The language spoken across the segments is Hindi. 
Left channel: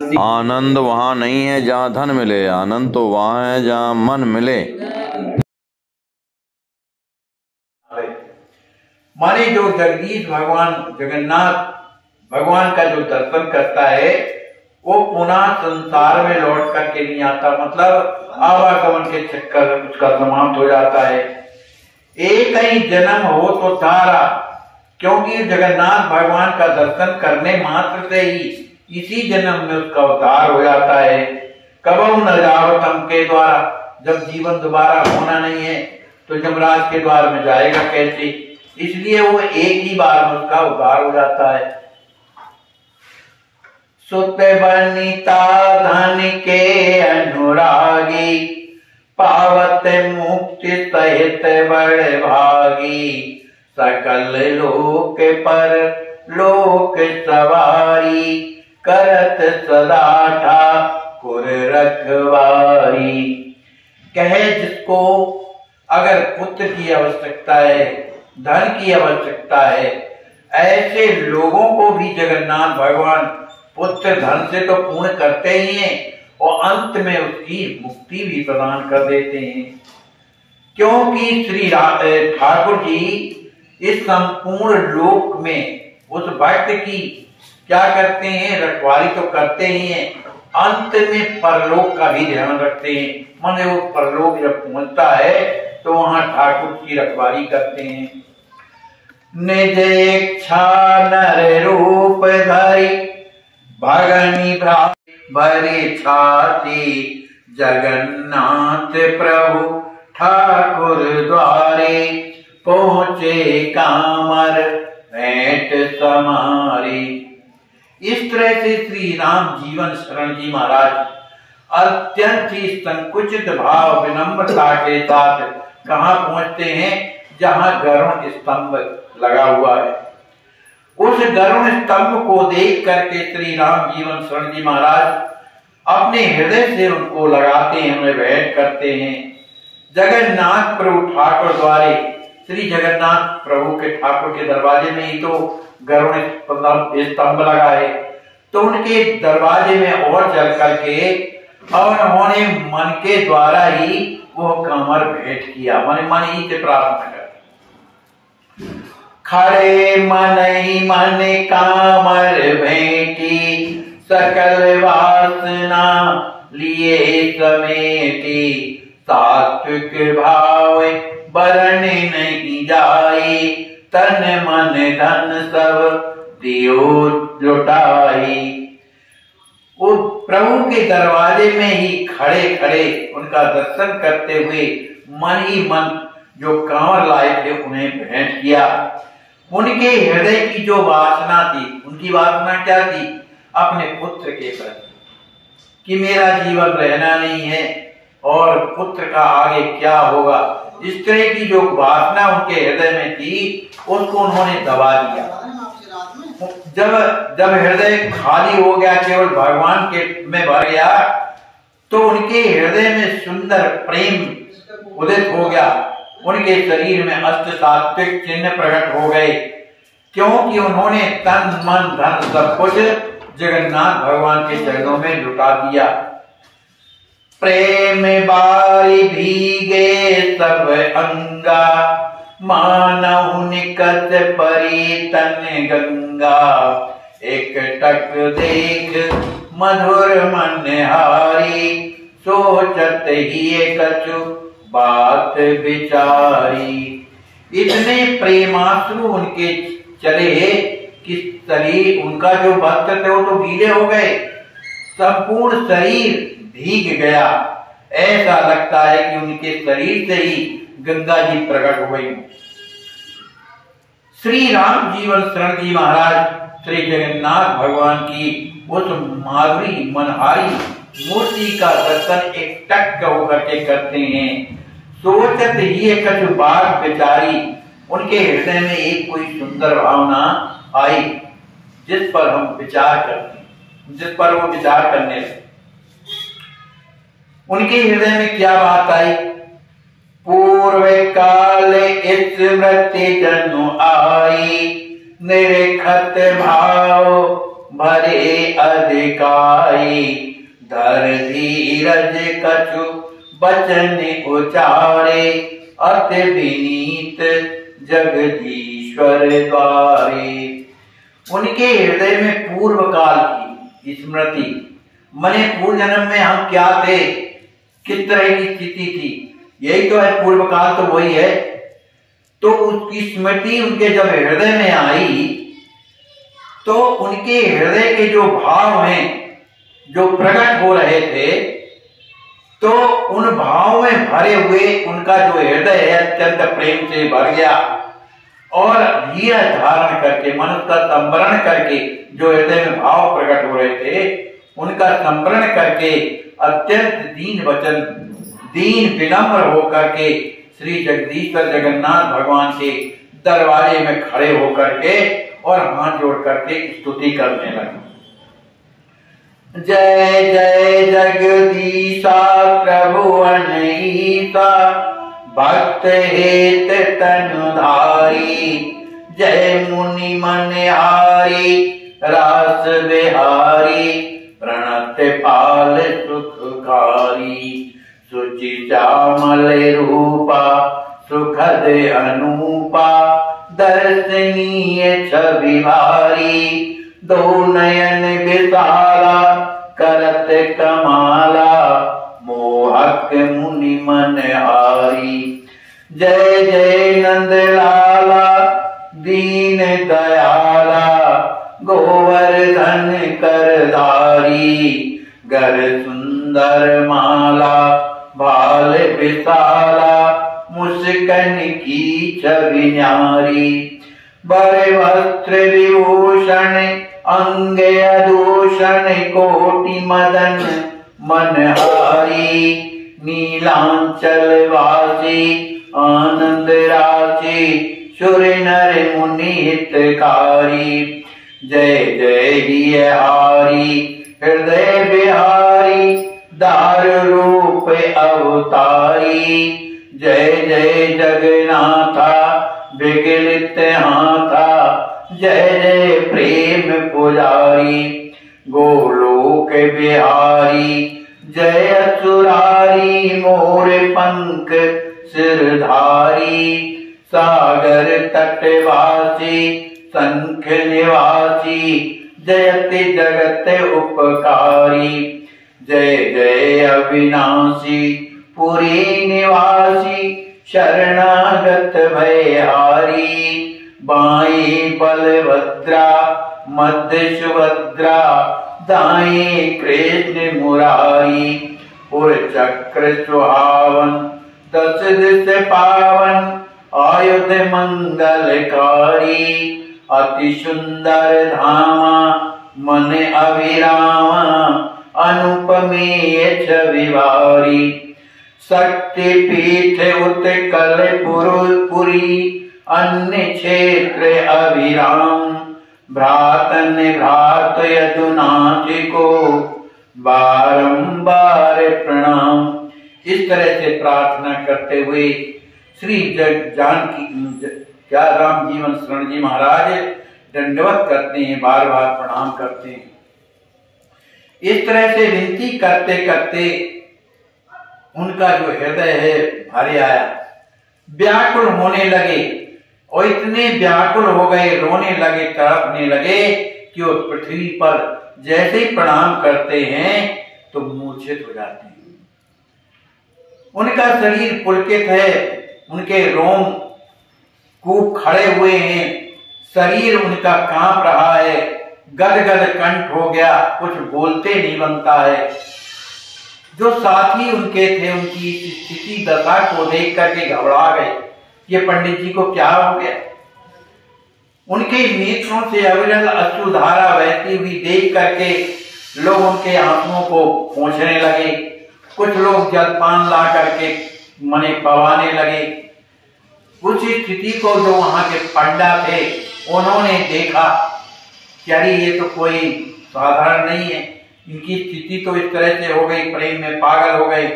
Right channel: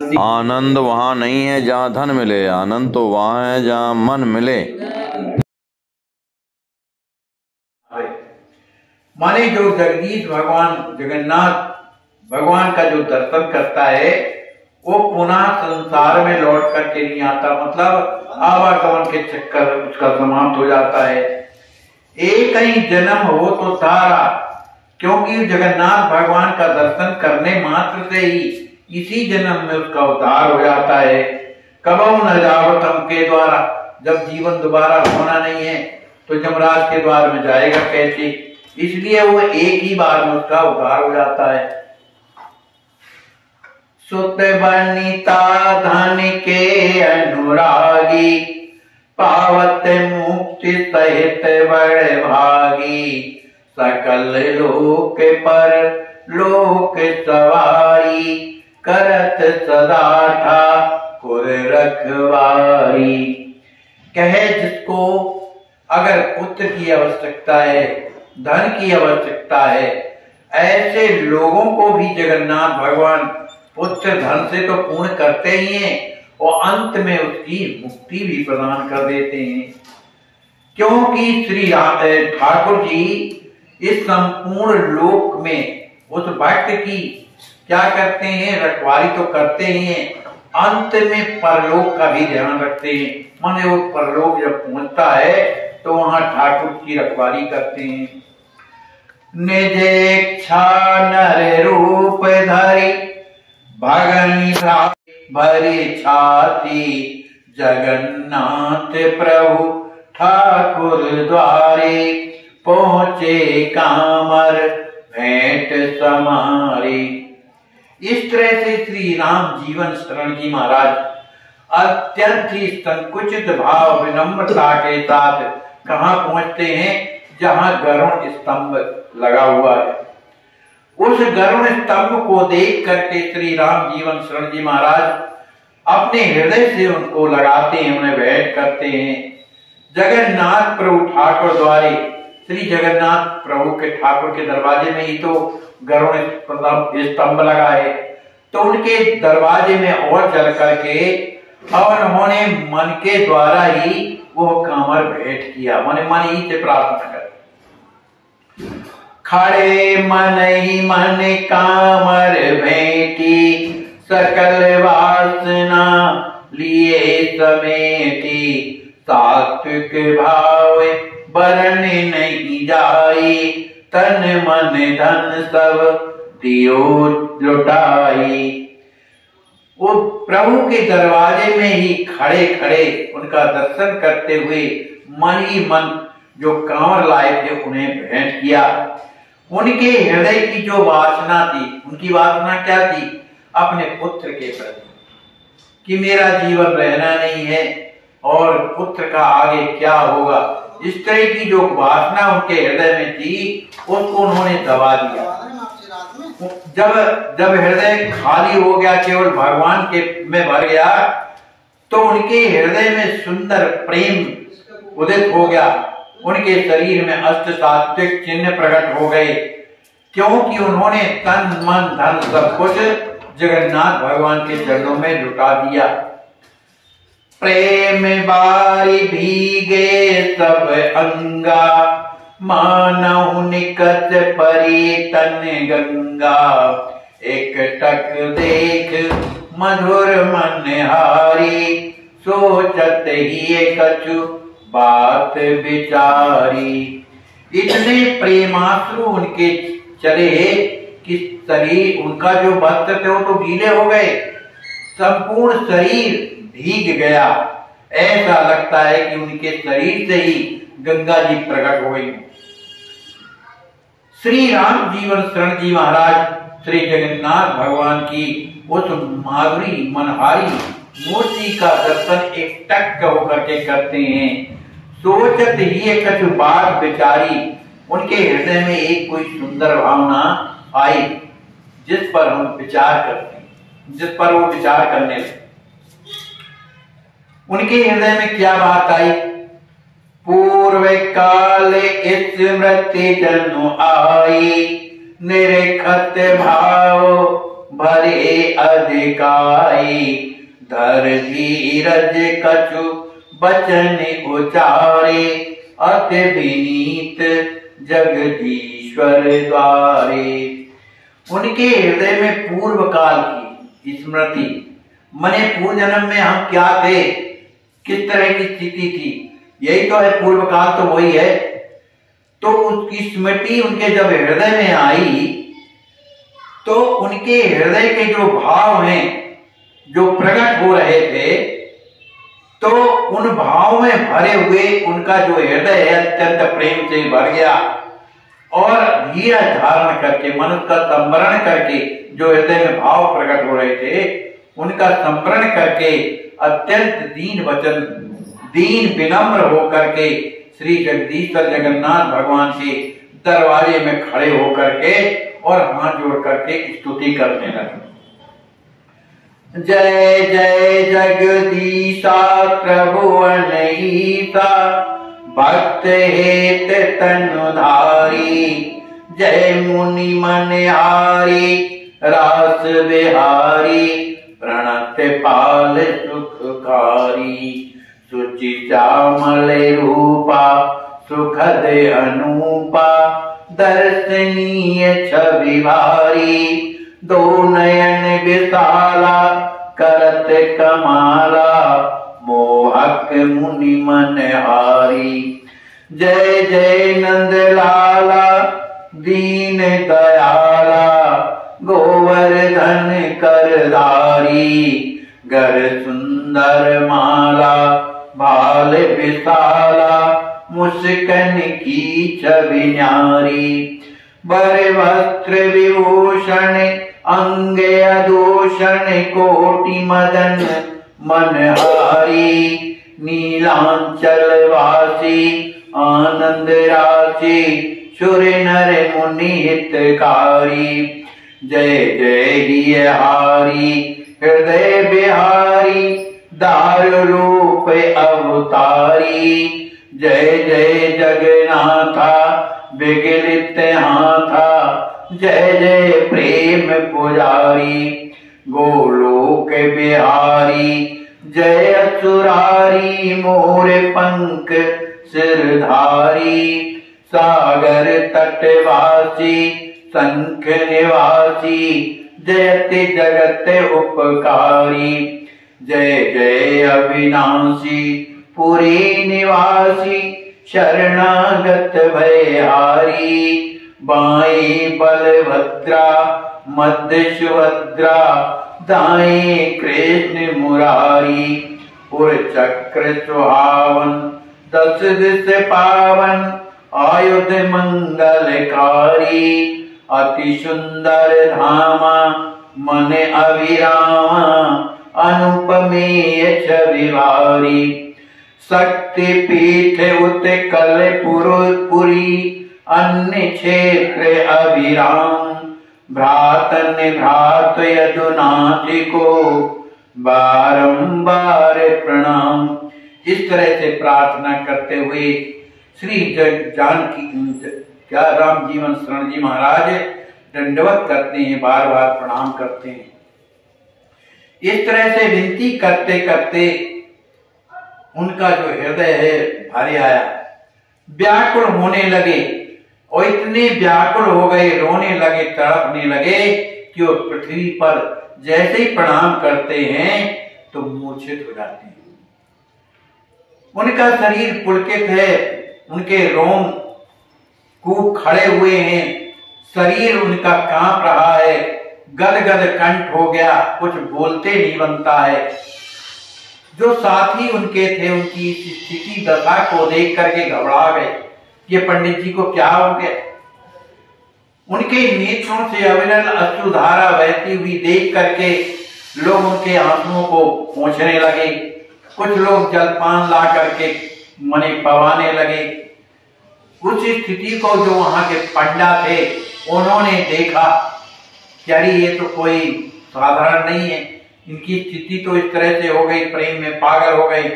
आनंद वहाँ नहीं है जहाँ धन मिले, आनंद तो वहाँ है जहाँ मन मिले। माने जो जगदीश भगवान जगन्नाथ भगवान का जो दर्शन करता है वो पुनः संसार में लौट करके नहीं आता, मतलब आवागमन के चक्कर उसका समाप्त हो जाता है। एक ही जन्म हो तो तारा, क्योंकि जगन्नाथ भगवान का दर्शन करने मात्र से ही इसी जन्म में उसका उद्धार हो जाता है। कबहु न जाओ तम के द्वारा, जब जीवन दोबारा होना नहीं है तो यमराज के द्वार में जाएगा कैसे, इसलिए वो एक ही बार में उसका उद्धार हो जाता है। सुत बनिता धन के अनुरागी, पावत मुक्ति सहित बड़े भागी, सकल लोक पर लोक सवारी, करत सदा ठाकुर रखवारी। कहे जिसको अगर पुत्र की आवश्यकता है, धन की आवश्यकता है, ऐसे लोगों को भी जगन्नाथ भगवान पुत्र धन से तो पूर्ण करते ही हैं और अंत में उसकी मुक्ति भी प्रदान कर देते हैं। क्योंकि श्री ठाकुर जी इस संपूर्ण लोक में उस भक्त की क्या करते हैं, रखवाली तो करते ही हैं, अंत में परलोक का भी ध्यान रखते हैं। माने वो परलोक जब पहुंचता है तो वहां ठाकुर की रखवाली करते हैं। निज इच्छा नर रूप धरी, भगनी भरी छाती, जगन्नाथ प्रभु ठाकुर द्वारे, पहुंचे कामर भेंट समारी। इस तरह से श्री राम जीवन शरण जी महाराज अत्यंत ही संकुचित भाव विनम्रता के साथ कहाँ पहुंचते हैं, जहां गरुड़ स्तंभ लगा हुआ है। उस गरुड़ स्तंभ को देख करके श्री राम जीवन शरण जी महाराज अपने हृदय से उनको लगाते हैं, उन्हें भेंट करते हैं। जगन्नाथ प्रभु ठाकुर द्वारे, श्री जगन्नाथ प्रभु के ठाकुर के दरवाजे में ही तो गरुड़ स्तंभ लगा है, तो उनके दरवाजे में और चल करके और उन्होंने मन के द्वारा ही वो कामर भेंट किया, मन मन ही से प्रार्थना कर। खड़े मन ही मन कामर भेंटी, सकल वासना लिए समेटी, सात्विक भाव बरन नहीं जाई, तन मन धन सब दियो लुटाई। वो प्रभु के दरवाजे में ही खड़े खड़े उनका दर्शन करते हुए मन ही मन जो कांवर लाए थे उन्हें भेंट किया। उनके हृदय की जो वासना थी, उनकी वासना क्या थी, अपने पुत्र के प्रति कि मेरा जीवन रहना नहीं है और पुत्र का आगे क्या होगा, इस तरह की जो वासना उनके हृदय में थी उसको उन्होंने दबा दिया। जब हृदय खाली हो गया, केवल भगवान के में भर गया, तो उनके हृदय में सुंदर प्रेम उदित हो गया, उनके शरीर में अष्ट सात्विक चिन्ह प्रकट हो गए, क्योंकि उन्होंने तन मन धन सब कुछ जगन्नाथ भगवान के चरणों में जुटा दिया। प्रेम बारी भीगे सब अंगा, मानव निकट परी तन गंगा, एक टक देख मधुर मन हारी, सोचत ही कछु बात विचारी। इतने प्रेमाश्रु उनके चले कि शरीर, उनका जो वस्त्र थे वो तो गीले हो गए, संपूर्ण शरीर भीग गया। ऐसा लगता है कि उनके शरीर से ही गंगा जी प्रकट हो गई। श्री राम जीवन शरण जी महाराज श्री जगन्नाथ भगवान की उस माधुरी मनहारी मूर्ति का दर्शन एक टक होकर के करते हैं। सोचत ही कछु बात विचारी, उनके हृदय में एक कोई सुंदर भावना आई जिस पर हम विचार करते हैं, जिस पर वो विचार करने लगे। उनके हृदय में क्या बात आई, पूर्व काल स्मृति जन्म आई, निरखत भाव भरे अधिकारी, धर धीरज कछु बचन उचारे, अति विनीत जगदीश्वर द्वारे। उनके हृदय में पूर्व काल की स्मृति, मने पूर्व जन्म में हम क्या थे, किस तरह की स्थिति थी, यही तो है पूर्व काल, तो वही है। तो उसकी स्मृति उनके जब हृदय में आई तो उनके हृदय के जो भाव हैं जो प्रकट हो रहे थे, तो उन भाव में भरे हुए उनका जो हृदय है अत्यंत प्रेम से भर गया, और धीरज धारण करके, मन का संवरण करके, जो हृदय में भाव प्रकट हो रहे थे उनका संवरण करके अत्यंत दीन वचन, दीन विनम्र होकर के श्री जगदीश्वर जगन्नाथ भगवान के दरवाजे में खड़े होकर के और हाथ जोड़ करके स्तुति करने लगे। जय जय जगदीशा प्रभु अनईसा, भक्त हेत तनुधारी, जय मुनि मनहारी, रास बिहारी, प्रणत पाल सुखकारी, सुचि श्यामल रूपा, सुखद अनूपा, दर्शनीय छवि भारी, दो नयन विशाला, करत कमाला, मोहक मुनि मनहारी। जय जय नंद लाला, दीन दयाला, गोवर्धन करधारी, गर सुंदर माला, भाल विशाला, मुस्कन की छवि न्यारी, बर वस्त्र विभूषण, अंग अदूषण, कोटि मदन मनहारी, नीलांचल वासी, आनंद राशि, सुर नर मुनि हितकारी। जय जय हियहारी, हृदय बिहारी, दारु रूप अवतारी, जय जय जगन्नाथा, विगलित हाथा, जय जय प्रेम पुजारी, गोलोक बिहारी, जय असुरारी, मोर पंख सिरधारी, सागर तटवासी, संख निवासी, जयति जगत उपकारी, जय जय अविनाशी, पुरी निवासी, शरणागत भयहारी, बाई बलभद्रा, मध्य सुभद्रा, दाएं कृष्ण मुरारी, उर चक्र सुहावन, दस दिश पावन, आयुध मंगलकारी, अति सुंदर धामा, मन अभिरामा, अनुपमेय छवि भारी, शक्ति पीठ उत्कल पुरी, अन्य क्षेत्र अभिराम, भ्रातन भ्रात यदुनाथ को बारंबार प्रणाम। इस तरह से प्रार्थना करते हुए श्री जानकी क्या राम जीवन शरण जी महाराज दंडवत करते हैं, बार बार प्रणाम करते हैं। इस तरह से विनती करते करते उनका जो हृदय है भरे आया, व्याकुल होने लगे, और इतने व्याकुल हो गए, रोने लगे, तड़पने लगे कि वो पृथ्वी पर जैसे ही प्रणाम करते हैं तो मूर्छित हो जाते हैं। उनका शरीर पुलकित है, उनके रोम कूप खड़े हुए हैं, शरीर उनका कांप रहा है, गदगद कंठ हो गया, कुछ बोलते नहीं बनता है। जो साथी उनके थे उनकी स्थिति दशा को देख करके घबरा गए, ये पंडित जी को क्या हो गया। उनके नेत्रों से अविरल अश्रुधारा बहती हुई देख करके लोग उनके आंसुओं को पोंछने लगे, कुछ लोग जलपान ला करके मने पवाने लगे। उस स्थिति को जो वहां के पंडा थे उन्होंने देखा कि अरे ये तो कोई साधारण नहीं है, इनकी स्थिति तो इस तरह से हो गई, प्रेम में पागल हो गई।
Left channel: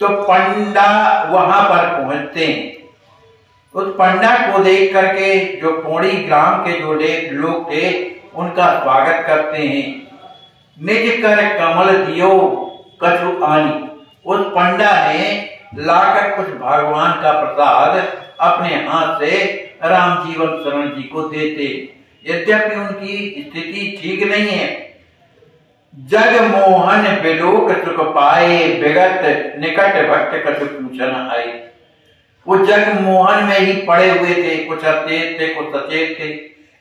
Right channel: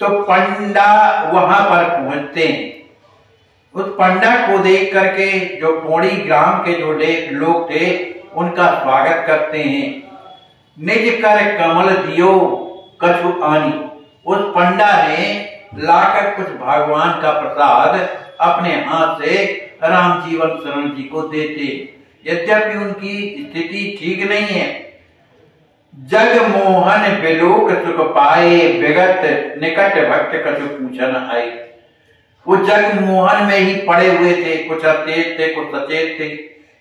तो पंडा वहां पर पहुंचते हैं। उस पंडा को देख करके जो पौड़ी ग्राम के जो लोग थे उनका स्वागत करते हैं। निज कर कमल दियो कछु आनी, उस पंडा ने लाकर कुछ भगवान का प्रसाद अपने हाथ से राम जीवन शरण जी को देते। यद्यपि उनकी स्थिति ठीक नहीं है। जग मोहन बिलोक सुख पाए, विगत निकट भक्त कछु पूछन आए। वो जग मोहन में ही पड़े हुए थे, कुछ अचेत थे कुछ सचेत थे।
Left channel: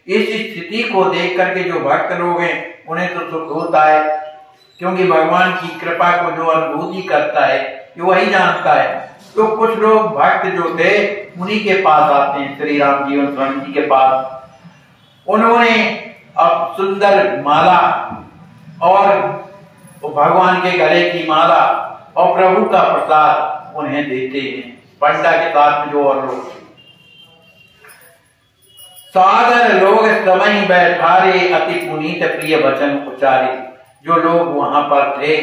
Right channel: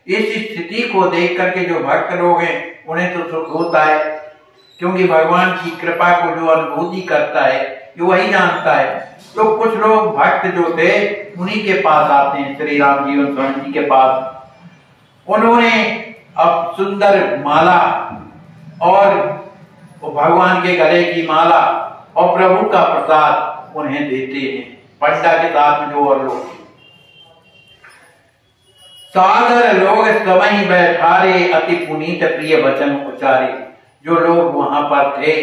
इस स्थिति को देख करके जो भक्त लोग हैं उन्हें तो सुख होता है, क्योंकि भगवान की कृपा को जो अनुभूति करता है ये वही जानता है। तो कुछ लोग भक्त जो थे उन्हीं के पास आते हैं, श्री राम जीवन शरण जी के पास। उन्होंने अब सुंदर माला और भगवान के गले की माला और प्रभु का प्रसाद उन्हें देते हैं, पंडा के साथ में जो और लोग। सादर लोग समय बैठारे, अति पुनीत प्रिय वचन उच्चारे। जो लोग वहां पर थे,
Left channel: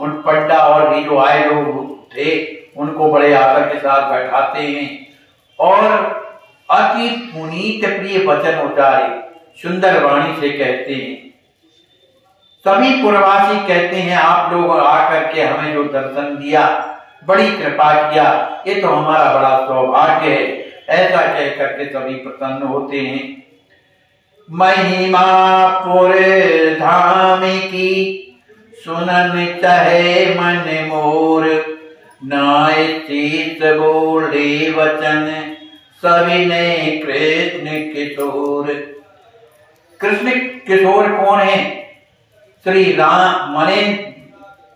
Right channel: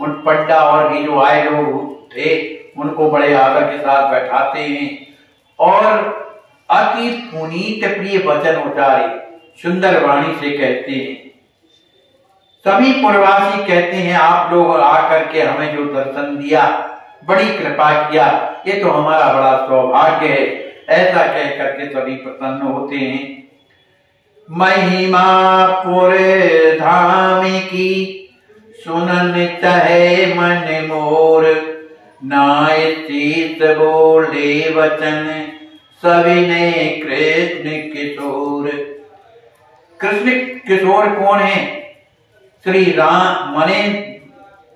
उन पंडा और भी जो आए लोग थे, उनको बड़े आदर के साथ बैठाते हैं और अति पुनीत प्रिय वचन उच्चारे, सुंदर वाणी से कहते हैं। सभी पुरवासी कहते हैं आप लोग आकर के हमें जो दर्शन दिया, बड़ी कृपा किया, ये तो हमारा बड़ा सौभाग्य है। ऐसा कह करके सभी प्रसन्न होते हैं। महिमा पुर धाम की सुनन चाहे मन मोर, नाय चीत बोले वचन सविनय कृष्ण किशोर। कृष्ण किशोर कौन है? श्री राम मने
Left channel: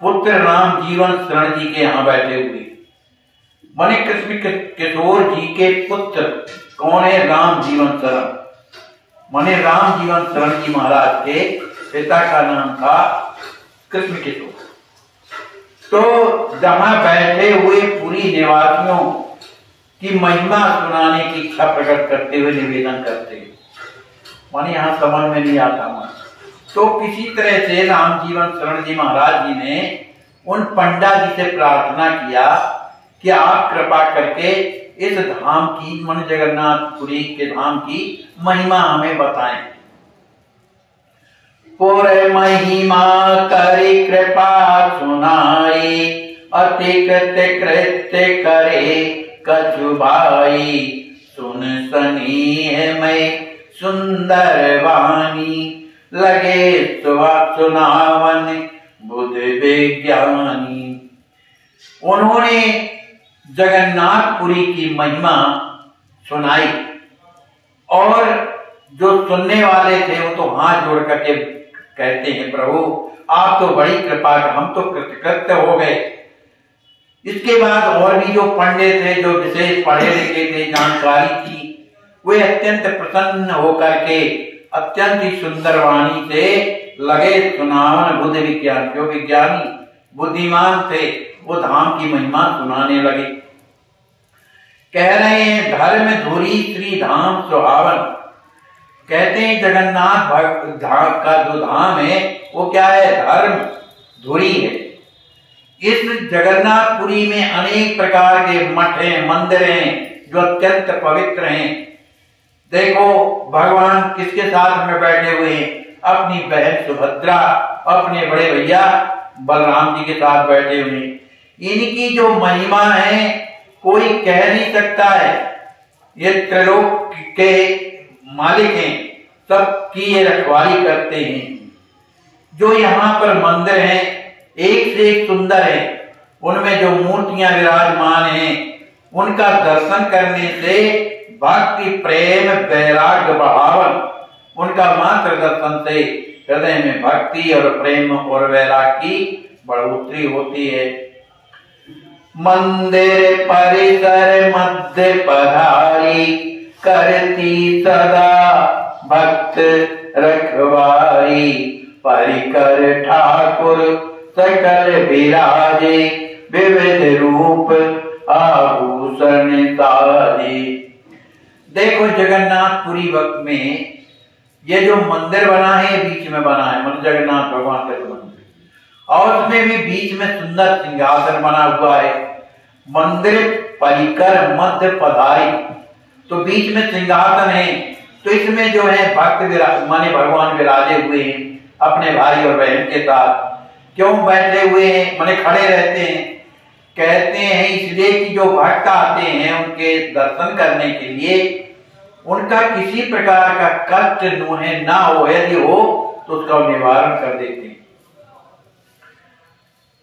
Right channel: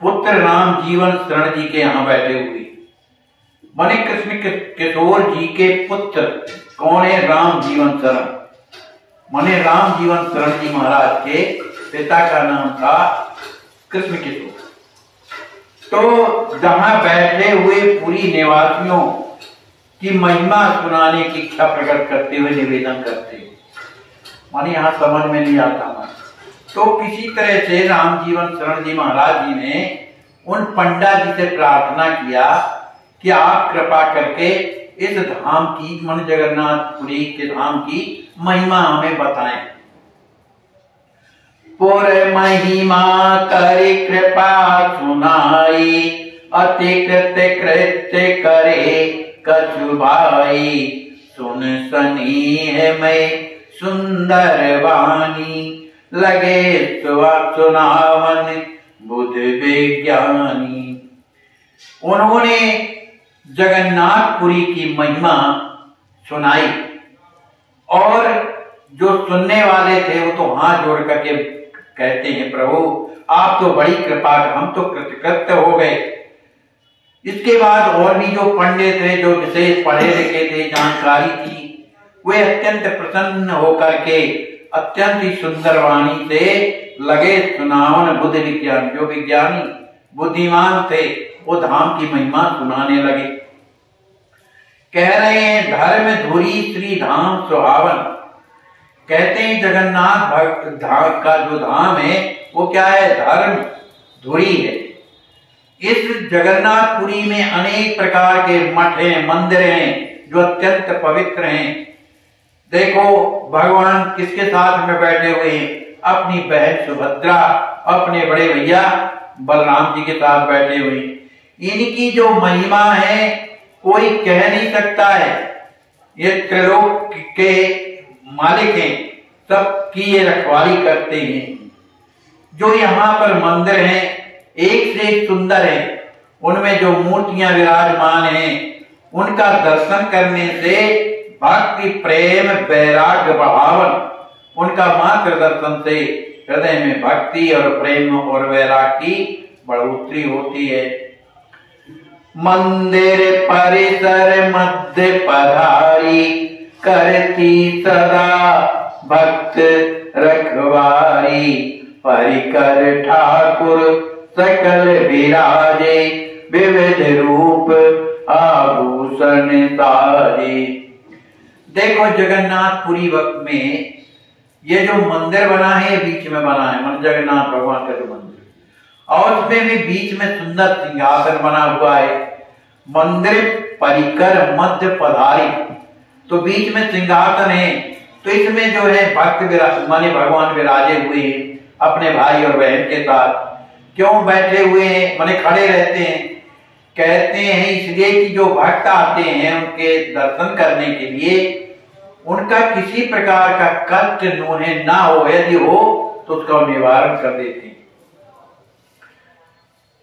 पुत्र राम जीवन शरण जी के यहाँ बैठे हुए मने कृष्ण किशोर जी के पुत्र कौन है? राम जीवन शरण। मने राम जीवन शरण जी महाराज के पिता का नाम था कृष्ण किशोर। तो जहां बैठे हुए पूरी निवासियों की महिमा सुनाने की इच्छा प्रकट करते हुए निवेदन करते, माने यहां समझ में नहीं आता। तो किसी तरह से राम जीवन शरण जी महाराज जी ने उन पंडा जी से प्रार्थना किया कि आप कृपा करके इस धाम की, मन जगन्नाथपुरी के धाम की महिमा हमें बताएं। पुर महिमा करी कृपा सुनाई, अति कृत्य कृत्य करे कछु भाई। सुन सनी है मैं सुंदर वाणी, लगे सुनावन बुद्ध विज्ञानी। उन्होंने जगन्नाथपुरी की महिमा सुनाई और जो सुनने वाले थे वो तो हाथ जोड़ करके कहते हैं, प्रभु आप तो बड़ी कृपा, हम तो कृतकृत्य हो गए। इसके बाद और भी जो पंडित थे, जो विशेष पढ़े लिखे थे, जानकारी थी, वे अत्यंत प्रसन्न होकर के अत्यंत ही सुंदर वाणी से लगे सुनावन बुद्ध विज्ञान। जो विज्ञानी बुद्धिमान थे वो धाम की महिमा सुनाने लगे। कह रहे हैं धर्म धुरी श्री धाम सुहावन। कहते हैं जगन्नाथ धाम का जो धाम है वो क्या है? धर्म धुरी है। इस जगन्नाथपुरी में अनेक प्रकार के मठ हैं, मंदिर हैं जो अत्यंत पवित्र हैं। देखो भगवान किसके साथ में बैठे हुए हैं? अपनी बहन सुभद्रा, अपने बड़े भैया बलराम जी के साथ बैठे हुए हैं। इनकी जो महिमा है कोई कह नहीं सकता है। ये त्रिलोक के मालिक हैं, सबकी ये रखवाली करते हैं। जो यहाँ पर मंदिर हैं एक से एक सुंदर है, उनमें जो मूर्तियां विराजमान हैं उनका दर्शन करने से भक्ति प्रेम वैराग्य बढ़ावन, उनका मात्र दर्शन से हृदय में भक्ति और प्रेम और वैराग्य की बढ़ोतरी होती है। मंदिर परिसर मध्य पधारी, करती सदा भक्त रखवारी। परिकर ठाकुर सकल विराजे, विविध रूप आभूषण साजे। देखो जगन्नाथपुरी वक्त में ये जो मंदिर बना है बीच में बना है, मतलब जगन्नाथ भगवान का जो मंदिर, और उसमें भी बीच में सुंदर सिंहासन बना हुआ है। मंदिर परिकर मध्य पधारी, तो बीच में सिंहासन है, तो इसमें जो है भक्त माने भगवान विराजे हुए हैं अपने भाई और बहन के साथ। क्यों बैठे हुए हैं माने खड़े रहते हैं? कहते हैं इसलिए कि जो भक्त आते हैं उनके दर्शन करने के लिए उनका किसी प्रकार का कष्ट ना हो, यदि हो तो उसका निवारण कर देते हैं।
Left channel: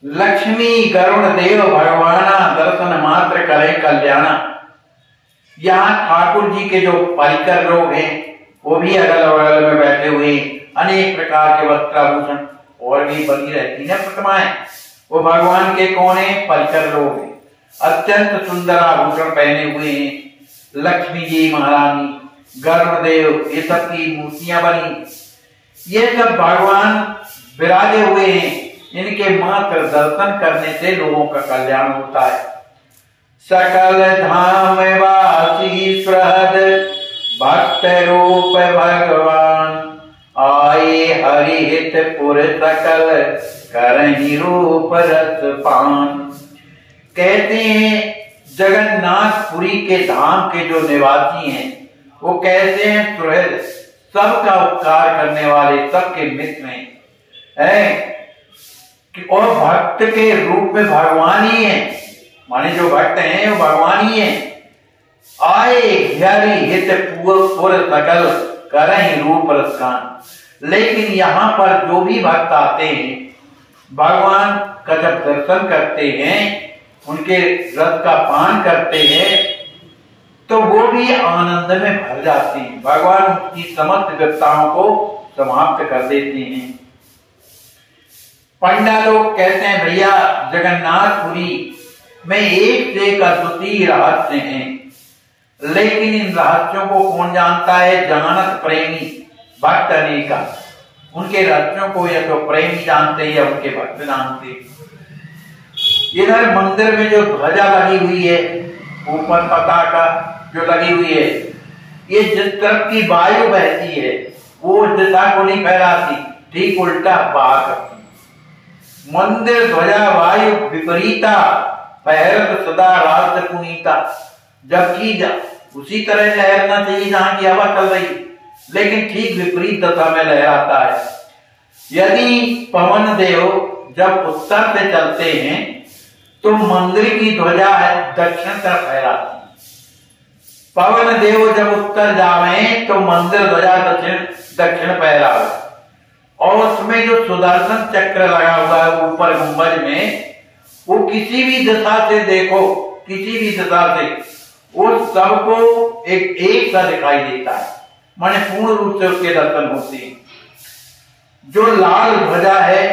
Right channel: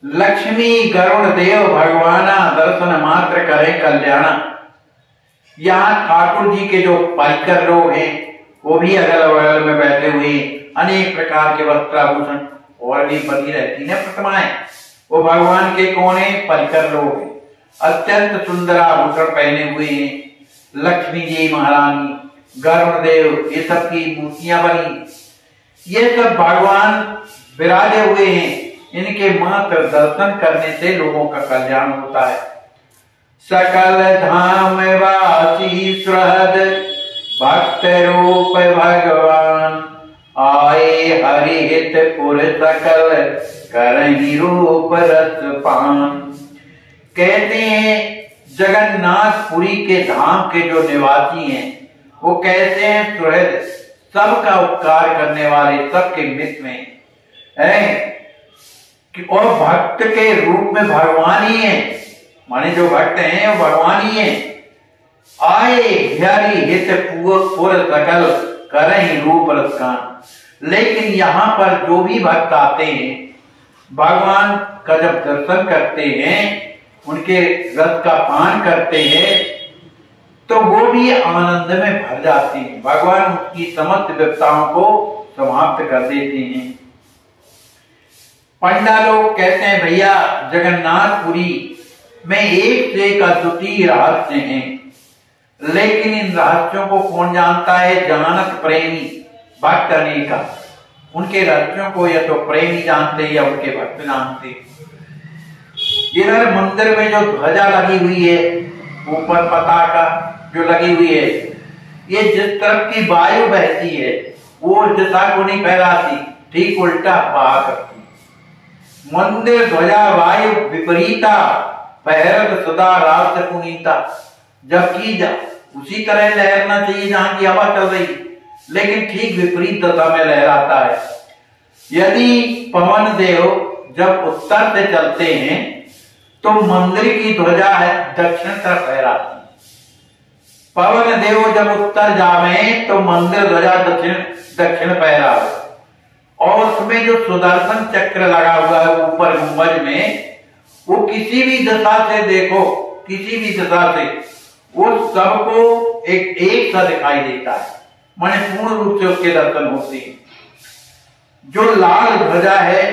लक्ष्मी गरुड़ देव भगवाना दर्शन मात्र करे कल्याण। यहाँ ठाकुर जी के जो पाइकर लोग हैं वो भी अगल बगल में बैठे हुए, अनेक प्रकार के वस्त्राभूषण और भी बनी रहती है प्रतिमाएं। वो भगवान के कौन है? परिकर लोग हैं, अत्यंत सुंदर आभूषण पहने हुए हैं। लक्ष्मी जी महारानी, गरुड़देव, ये सब की मूर्तियां बनी, ये सब भगवान विराजे हुए हैं। इनके मात्र दर्शन करने से लोगों का कल्याण होता है। सकल धाम वासी सुहृद भक्त रूप भगवान, आए हरि हित पुर सकल करहि रूप रस पान। कहते हैं जगन्नाथपुरी के धाम के जो निवासी हैं वो कहते हैं सुहृद, सबका उपकार करने वाले, सबके मित्र हैं और भक्त के रूप में भगवान ही है, माने जो भक्त हैं वो भगवान ही है। आए हरि हित पुर सकल करहि रूप रस पान। लेकिन यहाँ पर जो भी भक्त आते हैं भगवान का जब दर्शन करते हैं, उनके रस का पान करते हैं, तो वो भी आनंद में भर जाते हैं। भगवान उसकी समस्त व्यताओं को समाप्त कर देते हैं। पंडा लोग कहते हैं भैया जगन्नाथपुरी में एक से एक अद्वितीय रहस्य हैं, लेकिन इन रहस्यों को कौन जानता है? जानत प्रेमी भक्त अनेका। उनके रहस्यों को या तो प्रेमी जानते या उनके भक्त जानते। इधर मंदिर में जो ध्वजा लगी हुई है, ऊपर पताका जो लगी हुई है, ये जिस तरफ की वायु बहती है वो दिशा को नहीं फैलाती, ठीक उल्टा बहा करती। मंदिर ध्वजा वायु विपरीता पहरत सदा रात पुनीता। जबकि उसी तरह लहरना चाहिए जहां की हवा चल रही, लेकिन ठीक विपरीत दिशा में लहराता है। यदि पवन देव जब उत्तर से चलते हैं तो मंदिर की ध्वजा है दक्षिण तरफ फहराती। पवन देव जब उत्तर जावे तो मंदिर ध्वजा दक्षिण फहरावे। और उसमें जो सुदर्शन चक्र लगा हुआ है ऊपर गुंबज में, वो किसी भी दिशा से देखो, किसी भी दिशा से उस सबको एक सा दिखाई देता है, माने पूर्ण रूप से उसके दर्शन होते हैं। जो लाल ध्वजा है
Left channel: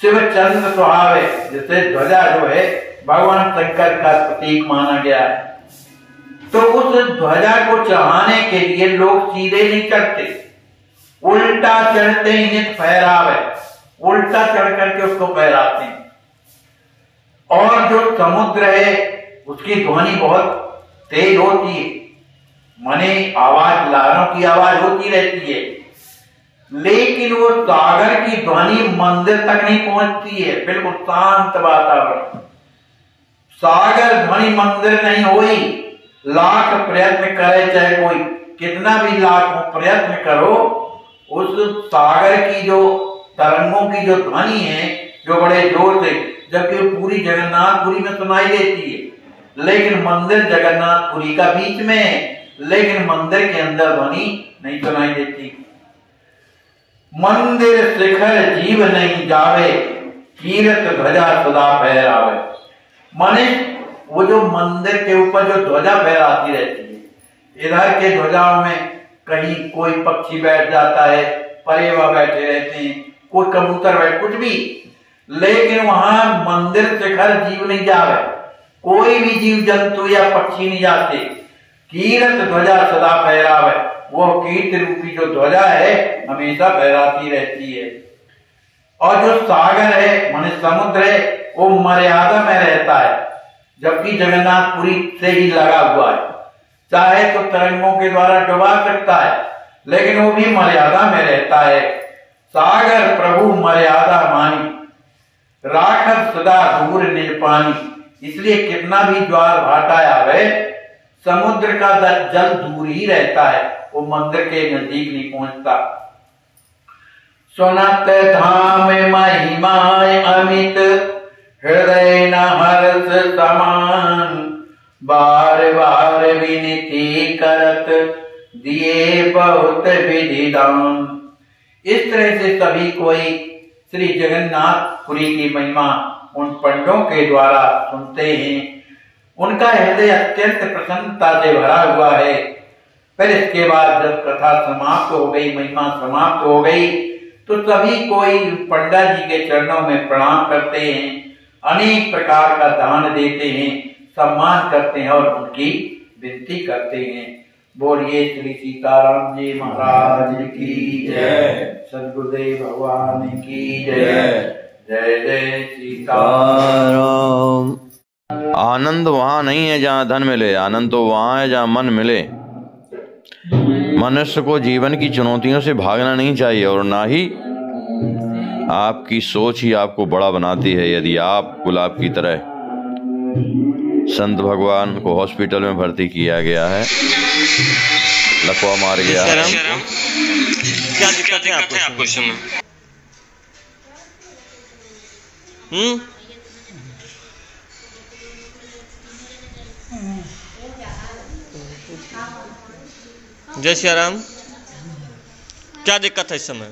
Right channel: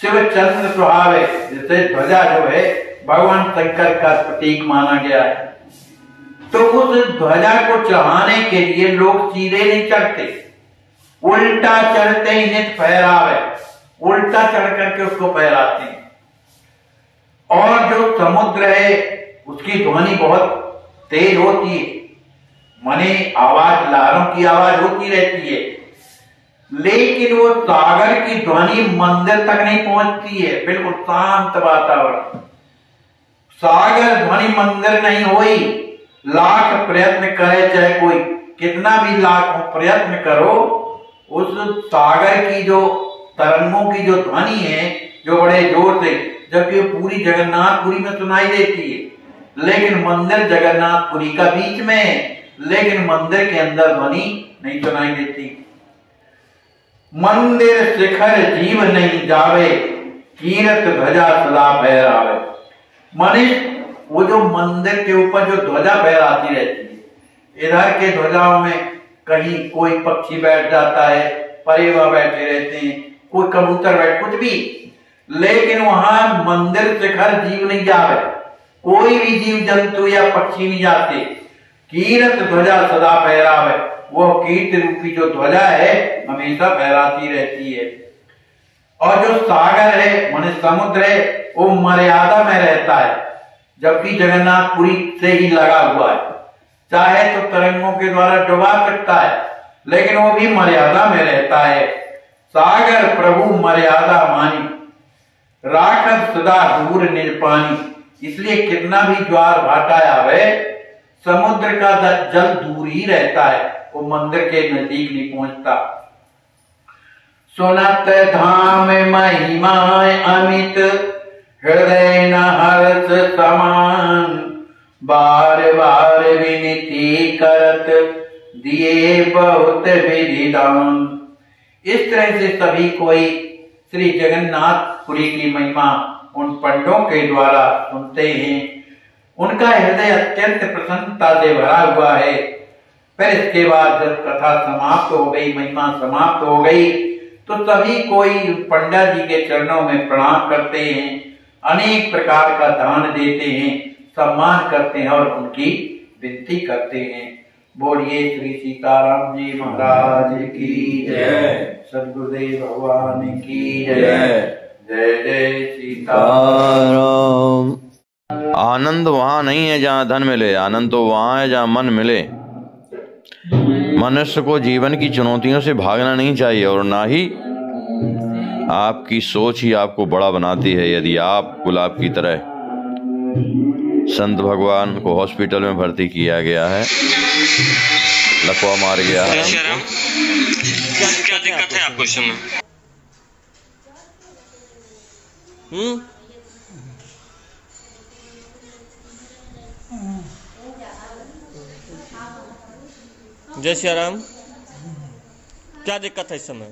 शिव चंद्र सुहावे, जैसे ध्वजा जो है भगवान शंकर का प्रतीक माना गया है, तो उस ध्वजा को चढ़ाने के लिए लोग सीधे नहीं चढ़ते, उल्टा चढ़ते ही नित फहरावे, उल्टा चढ़ करके उसको फहराते हैं। और जो समुद्र है उसकी ध्वनि बहुत तेज होती है, माने आवाज, लहरों की आवाज होती रहती है, लेकिन वो सागर की ध्वनि मंदिर तक नहीं पहुंचती है। बिल्कुल शांत वातावरण, सागर ध्वनि मंदिर नहीं हुई। लाख प्रयत्न करे, चाहे कोई कितना भी लाख प्रयत्न करो, उस सागर की जो तरंगों की जो ध्वनि है जो बड़े जोर से, जबकि पूरी जगन्नाथपुरी में सुनाई देती है, लेकिन मंदिर जगन्नाथपुरी का बीच में है, लेकिन मंदिर के अंदर ध्वनि नहीं सुनाई देती। मंदिर शिखर जीव नहीं जावे, कीरत ध्वजा सदा फहरावे। माने वो जो मंदिर के ऊपर जो ध्वजा फहराती रहती है, इधर के ध्वजाओं में कहीं कोई पक्षी बैठ जाता है, परेवा बैठे रहते हैं, कोई कबूतर बैठ, कुछ भी, लेकिन वहां मंदिर शिखर जीव नहीं जावे, कोई भी जीव जंतु या पक्षी नहीं जाते। कीरत ध्वजा सदा फहरावे, वो कीर्ति रूपी जो ध्वजा है हमेशा फहराती रहती है। और जो सागर है माने समुद्र है, वो मर्यादा में रहता है, जबकि जगन्नाथपुरी से ही लगा हुआ है। चाहे तो तरंगों के द्वारा डुबा सकता है, लेकिन वो भी मर्यादा में रहता है। सागर प्रभु मर्यादा मानी, राखत सदा दूर निज पानी। इसलिए कितना भी ज्वार भाटा आवे, समुद्र का जल दूर ही रहता है, वो मंदिर के नजदीक नहीं पहुंचता। सुनत धाम महिमाएं अमित, हृदय न हर्ष समान, बार बार विनती करत, दिए बहुत विधि दान। इस तरह से सभी कोई श्री जगन्नाथपुरी की महिमा उन पंडों के द्वारा सुनते हैं। उनका हृदय अत्यंत प्रसन्नता से भरा हुआ है। फिर इसके बाद जब कथा समाप्त हो गई, महिमा समाप्त हो गई, तो सभी कोई पंडा जी के चरणों में प्रणाम करते हैं, अनेक प्रकार का दान देते हैं, सम्मान करते हैं और उनकी विनती करते हैं। बोलिए श्री सीताराम जी महाराज की जय, सद्गुरुदेव भगवान की जय। जय जय सीताराम। आनंद वहाँ नहीं है जहाँ धन मिले, आनंद तो वहाँ है जहाँ मन मिले। मनुष्य को जीवन की चुनौतियों से भागना नहीं चाहिए और ना ही आपकी सोच ही आपको बड़ा बनाती है। यदि आप गुलाब की तरह, संत भगवान को हॉस्पिटल में भर्ती किया गया है, लकवा मार गया है। क्या दिक्कत है आपको इस समय? जय श्री राम। क्या दिक्कत है इस समय?